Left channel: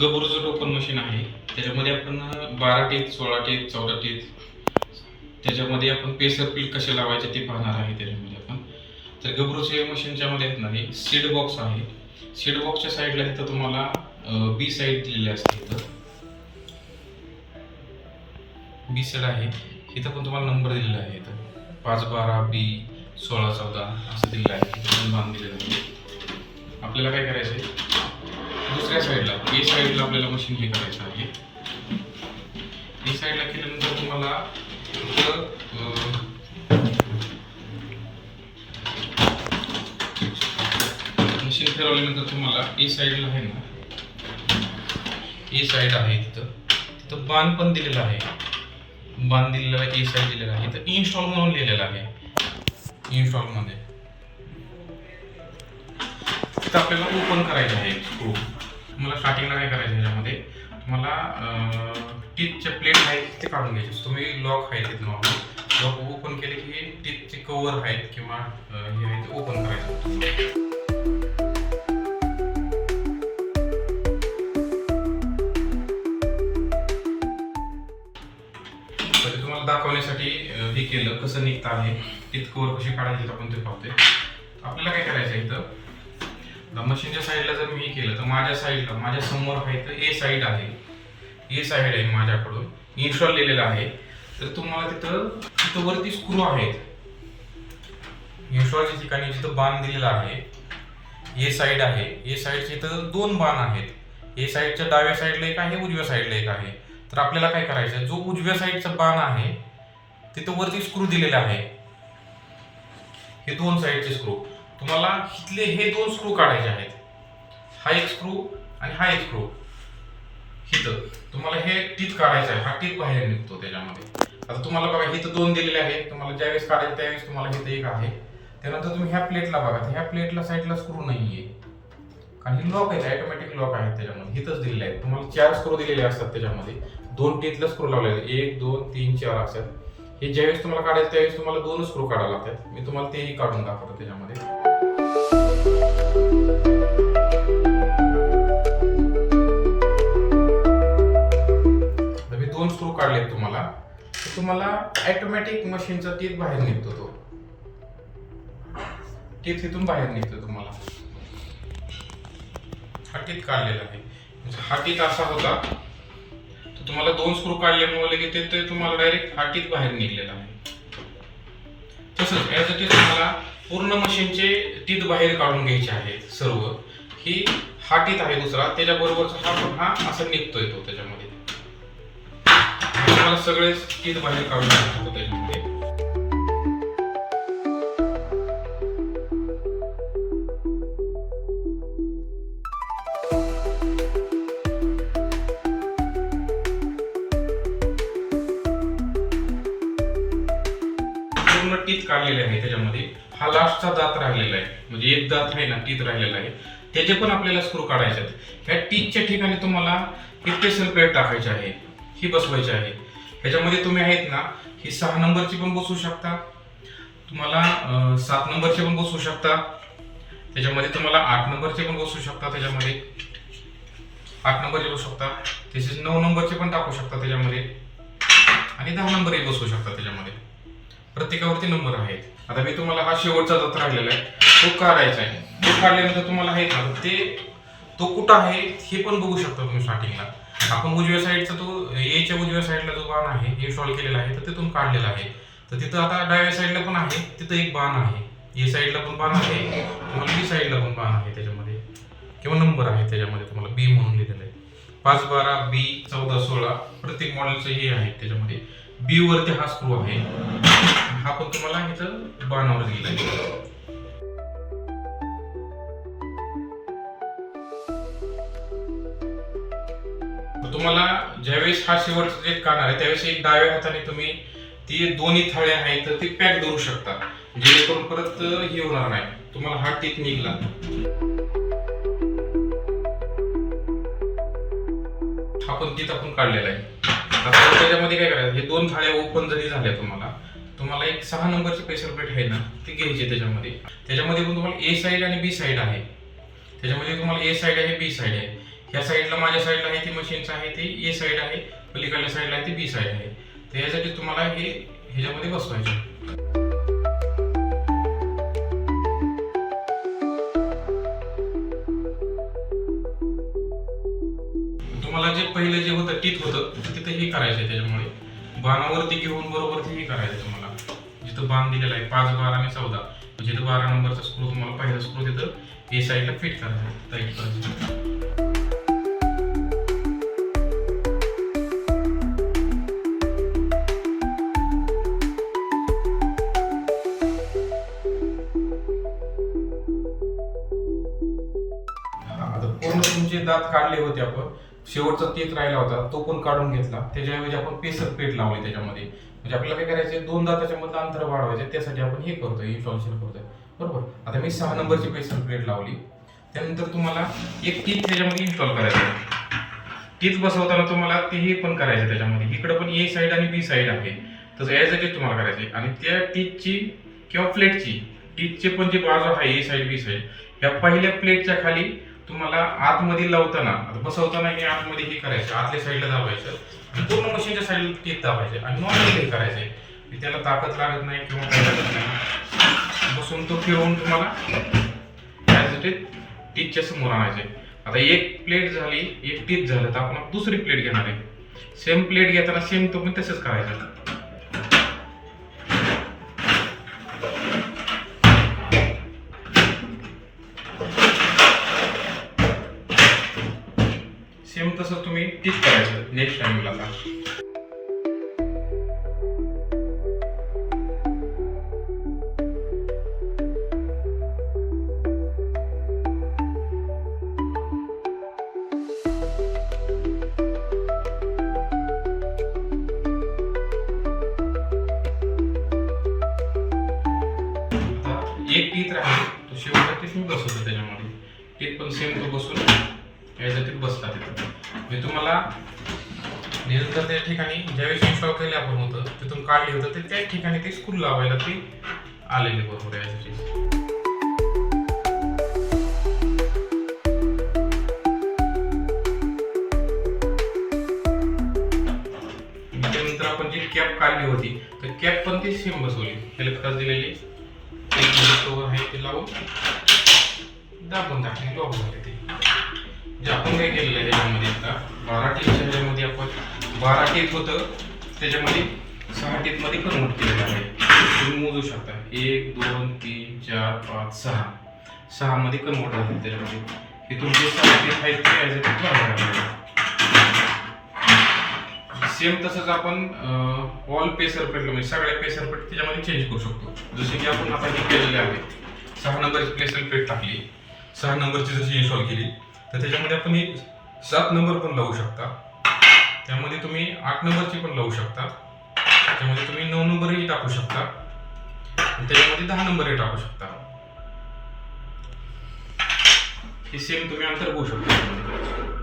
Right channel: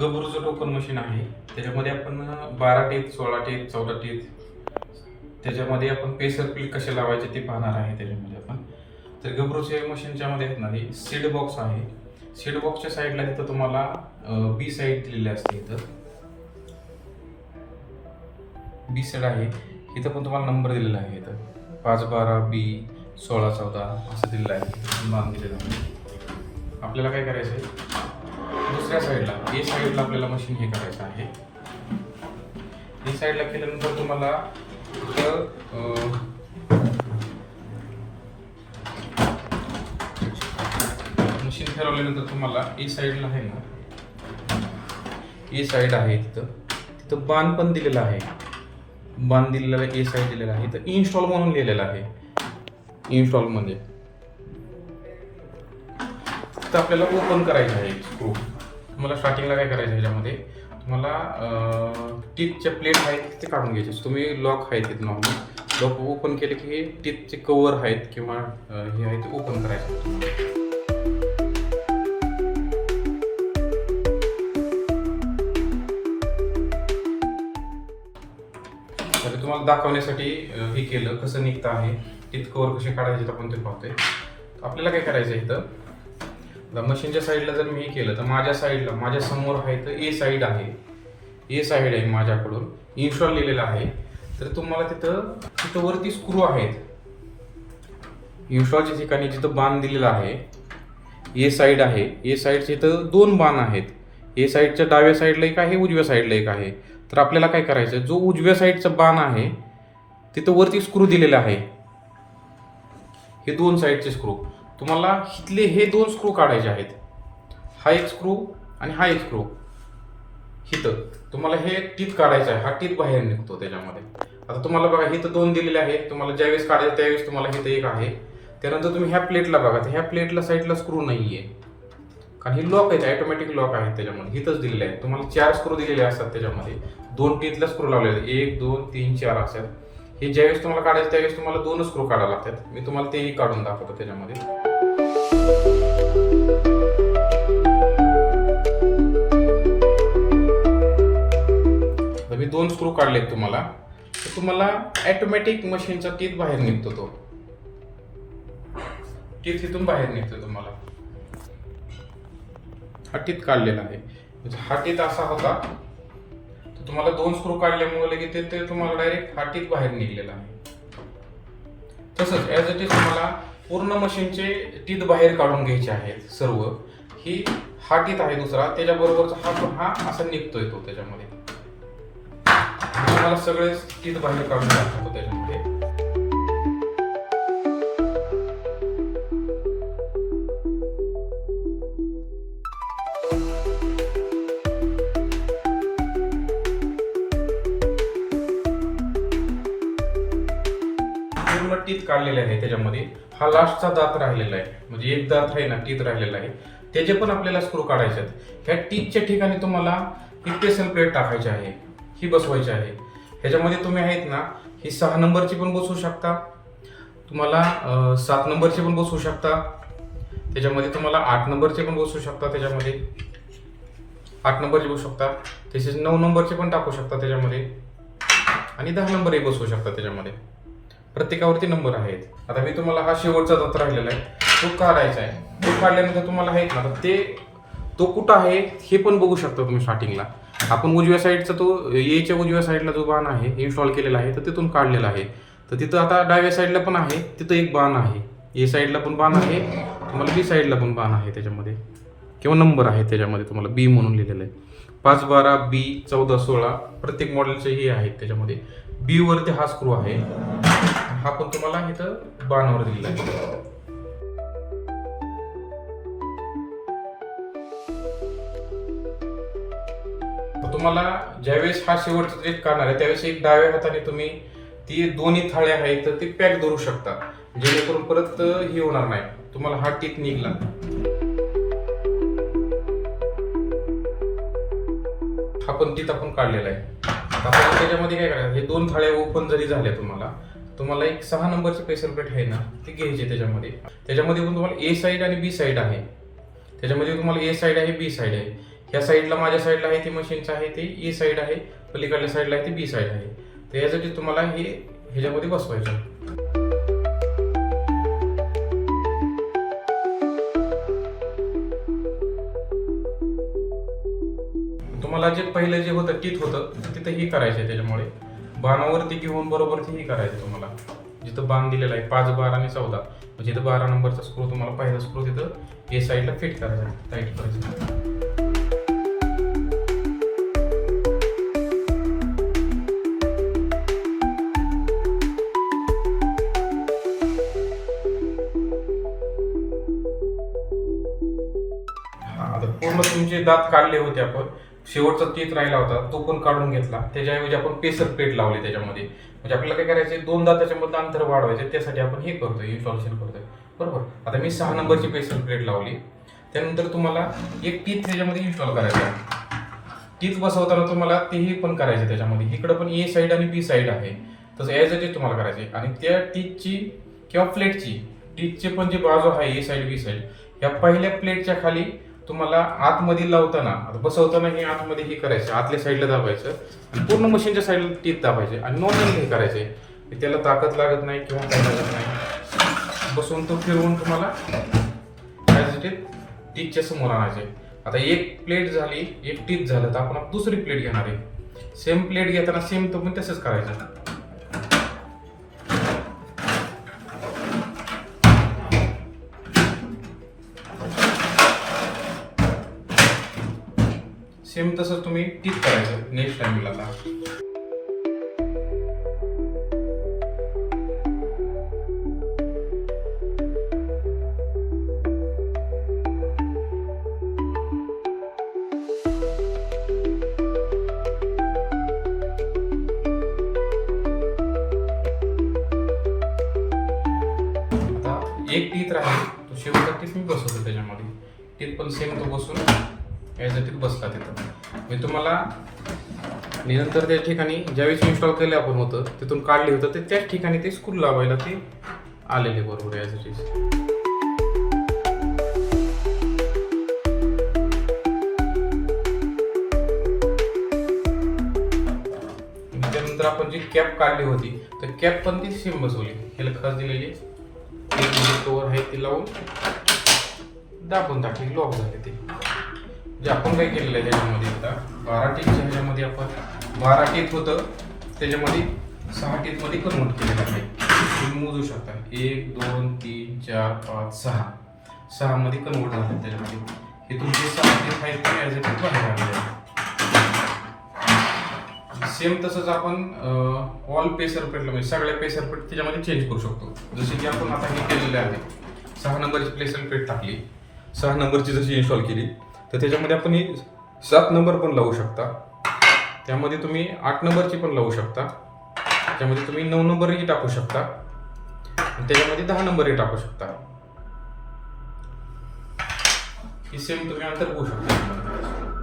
गबरूचं token machine आहे. त्याच्यामध्ये आपण बारा टीत सोळा टीत चौदा टीत त्याच्यामध्ये आपण पेसर पिल कसे लावायचे ते पाहणार आहे त्याच्यामध्ये आपण. तर गबरूच्या मशीनच्या मध्ये आहेत सीड बॉक्स आहे. सीड बॉक्सच्या साईडला तिथं तुम्हाला बी साईड दिलेली असते इथं. बी साईड आहे. इथं पण तुम्हाला नंबर दिलेला आहे इथं. पाच बारा बी सोळा चौदा असं दिलेलं आहे. पण बांध दिलेलं आहे. आपल्याला काय करायचं आहे दुसऱ्या साईडला ए साईडला आपल्याला मशीन हे करायचं आहे. ए साईडला केल्यानंतर तुम्हाला मशीन फिरवल्यानंतर तुम्हाला ए साईडला आहे ना ए साईड आहे तिथं. तिथं बाण पण दिलेला आहे. बाण दिलेला ए साईड दिलेला आहे. तर इन्स्टॉल म्हणून लिहिलेलं आहे. इन्स्टॉलमध्ये तर आपल्याला ओपन करायचं आहे स्क्रू तुम्हाला स्टार्टिंगला काय करायचं आहे याच्यामध्ये? तुम्हाला टीथचे प्लेट आहेत ते काढून घ्यायचे. तुम्ही लॉक आहेत तिथे नॉर्मल लॉक ओपन केले की हे टीथचे कवर आहेत किंवा हे आहे ते ओपन करायचं. म्हणजे तुम्हाला दाखवण्यासाठी हे केलं कसं निघतं आहे. टीथ कवर कसे काढायचे आपण ते पाहतोय. आपल्याला काय करायचं आहे इथं? मशीनच्या साईडला जर मी हे केलं तर माझ्या साईडला माझ्यासमोर आहे तर ए साईड आहे. ए साईड आहे माझ्याकडून. इन्स्टॉल लिहिलेलं आहे. तर तुम्हाला तिथं तिथं वरती स्क्रू आहेत. इन्स्टॉलच्या ठिकाणी जिथं बाण दिलेला आहे ए साईड आहे. ए साईडचे इथं दोन बाण आहेत. ए साईडच्या डाव्या साईडला एक आहे उजव्या साईडला एक आहे. तर आपल्याला काय करायचं जो उजव्या साईडचा बाण आहे तिथं वरती स्क्रू दिलेला आहे. हे दोन साईडचे स्क्रू तुम्हाला इथले हे दोन स्क्रू काढायचे आहेत. हा एक स्क्रू आणि हा एक स्क्रू इथं तुम्हाला हे टीप काढायचं आहे. हा टीप बाहेर निघतो त्याच्यामध्ये. आता तुम्हाला बघा इथं दोन दिलेले आहेत. तुम्हाला ज्यावेळेस काढायचं त्यावेळेस तुम्हाला इथं एक आहे. त्यानंतर तुम्ही ह्या प्लेटला बघा. ह्या प्लेटला साईडला स्क्रू नाही आहे कारण ही लॉक आहे ऑटोमॅटिक लॉक आहेत त्याच्यामध्ये. इथंच दिलेले आहेत. तुम्हाला चार स्क्रू दिलेले असतात त्याच्यामध्ये. दोन टीतला स्क्रू लावलेले आहेत. एक दोन तीन चार असतात हे ज्यावेळेस तुम्हाला काढायचं त्यावेळेस तुम्हाला दोनच स्क्रू काढायला लागतात. मी तुम्हाला तेही काढून दाखवतो त्याच्यामध्ये. मी दोन स्क्रू काढलेत तुम्हाला. तर तुम्हाला ऍटोमॅटिक मशीनचा टीत बाहेर निघतो तो. टीत इथून बाहेर निघतो तुम्हाला. हा टीत काढलेला आहे. म्हणजे हा टीत असा होता. तुम्हाला दोन स्क्रू काढल्यामुळे लगेच ते- तुम्हाला डायरेक्ट हा टीत बाहेर निघलेला आहे. तसंच ॲज इट इज तुम्हाला पूर्ण मशीनचे टीत बाहेर काढून घ्यायचे आहेत सर्व. ही हा टीत आहे दुसरा. त्याच्याबरोबरचा हा पण हा असा निघतोय तो त्याच्यामध्ये. तुम्हाला सगळेच टीत बाहेर काढून घ्यायचं त्याच्यामध्ये. राहिलेले आहे त्याच्यामध्ये. हा लास्टचा दात राहिलेला आहे. म्हणजे एक दात आहे ना टीत राहिलेला आहे. त्याचे पण आपल्याला स्क्रू काढायचे आहेत. ह्या टीतच्या ठिकाणी तुम्हाला इतके सल्फेट टाकायचे आहे. ही बसवायची आहे. ह्याच्यामध्ये तुम्ही आहेत ना ही सहा नंबरची पण बसवू शकता. तुम्हाला सात नंबरची पण बसवू शकता. त्याच्यामध्ये तुम्हाला आठ नंबरचे पण बसवू शकता त्याच्यामध्ये. आठ नंबरचे बसू शकता. तसेच नऊ नंबरचे पण टाकू शकता त्याच्यामध्ये. आणि दहा नंबरही बसवू शकता त्याच्यामध्ये. प्रत्येकावरती नंबर आहेत. आता मी तुम्हाला हा शेवटचा दात राहिलेला आहे. तो काढायचा आहे. तो काढल्यानंतर तुम्हाला आहेत ना ते तो कुठं आहे हे पण बघू शकता तुम्ही स्टार्टिंगला आपण उजव्या साईडचा तो येच्या उजव्या साईडला जो बाण आहे इन्स्टॉल केलेला आहे तर तिथून काढलेला आहे. तर तिथं आता डाव्या साईडला पण आहे तिथं एक बाण आहे. ए साईडला पण बाण आहे तुम्हाला बी साईडला पण बाण आहे त्याच्यामध्ये. किंवा नंबर आहे त्याच्यामध्ये तुम्हाला बी म्हणून लिहिलेलं आहे. पाच बारा बी चौदा सोळा प्रत्येक मॉडेलचे हे आहेत त्याच्यामध्ये. बी वरती हा स्क्रू आहे. हा पण तुम्हाला इथं बाणावर दिलेला तुम्हाला ज्यावेळेस हा शेवटचा जे काढणार आहे त्यावेळेस एक डाव्या हाताने तुम्ही ती दोन्ही थाळे आहेत तर ती पॅक धरू शकता. जेणेकरून परत हे होणार नाही. तुम्हाला हा टीक निघला. हा पण आपण काढलेला आहे. आता त्याच्यामध्ये काय करायचं? हे दोन थाळ्या ओपन जरी झाल्या तुम्हाला तुम्हाला एक सहा नंबरची पेशल प्लेट आहे ना ती घ्यायची त्याच्यामध्ये. त्याच्यामध्ये पण तुम्हाला ए साईड आणि बी साईड आहे. त्याच्यामध्ये तुम्हाला ए साईड आहे बी साईड आहे. ह्या साईडला माझ्या साईडला आहे ती मशीनचं आहे ते ए साईड आहे. पलीकडल्या साईडला आहे ती बी साईड आहे. तर यासाठी तुम्हाला हे ह्याच्यामध्ये बसवायचं. पहिलं जे होतं टीत होतं तिथं हे करायचं आहे त्याच्यामुळे. बाणावरती घेऊन बरोबर ते हे करायचं तुम्हाला. जिथं बाण दिलेला आहे पाच बारा आणि चौदा. म्हणजे इथं बारा नंबरचा स्क्रू तुम्हाला पहिला स्क्रू तिथं हे साईडला फिट करायचा टाईट करायचं आता पूर्ण तुमचे दात काढले होते आपण. शेवटचा तेच राहिला होता तो पण काढून घेतला. त्याच्याऐवजी आपण पेसर प्लेट लावले त्याच्यामध्ये. म्हणजे आपल्याला काय करायचं दोनदा दाताच्या अंतर वाढवायचे त्यासाठी आपण हे करतोय इन्स्टॉलेशन करतोय. बरोबर? आता मी सहा नंबरची पेसर प्लेट लावली. त्यानंतर तुम्हाला एक टीथ त्याच्यामध्ये इन्स्टॉल करायचं आहे. टीथ बसवताना तुम्हाला तेही पण करायचं त्याच्यामध्ये. इकडं पण ए साईड आणि बी साईड आहे. तसं यासाठी तुम्हाला करायचं आहे. आणि त्या टीथची किंवा प्लेटची टीथचे पण जी बाजू आहे ए साईड बी साईड ह्या पहिल्या प्लेटच्या खाली तुम्हाला आतमध्ये लावताना बसवताना हे आतमध्ये हे करायचं आतल्या साईडला दाबायचं पूर्ण मशीनच्या साईडला टीथ दाबायचे आणि नॉर्मली हे करायचे. त्याला ताकद लागत नाही किंवा काय लागत नाही. बसून तो फिरवून तुम्हाला त्यासाठी टीथच्या समोर आणायचे. आता एक प्लेट झाली एक टीथ झालं तर आपण दुसरी प्लेट घेणार आहे. सेम प्लेट घेताना सेम तुम्ही तसंच करायचं. सेम तसं तुम्ही टिक करायचं नेक्स्ट टाइमला आता एक टीत राहते तो शेवटचा टीथ मी बसवतो त्याच्यामध्ये. टीत पण सेम तो बसून याच्या बसला तिथं. मी तुम्हाला निरंतर त्या ठिकाणी ज्यावेळेस इन्स्टॉल केलं आपण होतं तिथून काढले होतं ते त्याच ठिकाणी ते स्कूल लावायला ते आलेले बरोबर यासाठी त्यानंतर आपण जी कॅप काढली होती तर कॅप पण ती सेम बसवली. ह्याला खास दिलेली. एक कवर आहे ते लावून दाबून टाकली लॉक झाली ते. ते आपण काय केलेलं आहे त्याच्यामध्ये आता? बारा टीच्या ह्याच्यामध्ये आपण बारा टीप होतं. त्याच्यामध्ये सहा टीपमध्ये कन्वर्ट केलेलं आहे. तुम्ही मोजू शकता. एक दोन तीन चार पाच सहा. सहामध्ये कन्वर्ट होतं त्याच्यामध्ये. हे तुमचे सहा टीप आहेत ते ॲज it बाहेर सेम तसंच आपण ऑल पेसर पेट म्हणजे सगळ्या पेसर पेट त्याच्यामध्ये चेंज करू शकतो. जसे की आपण आता हे केलेले आहे. सहा नंबरची पेसर पेट टाकली. सहा नंबरची जशी इन्स्टॉल केली तर त्याच्यामध्ये आपण ही सात नंबर पण लावू शकता. त्यामध्ये तुम्ही आठ नंबरची पण लावू शकता. त्यामध्ये तुम्ही नऊ नंबरही टाकू शकता. त्याच्यामध्ये दहा नंबरही टाकू शकता. ही सेम तुम्ही अंतर घेऊ शकता.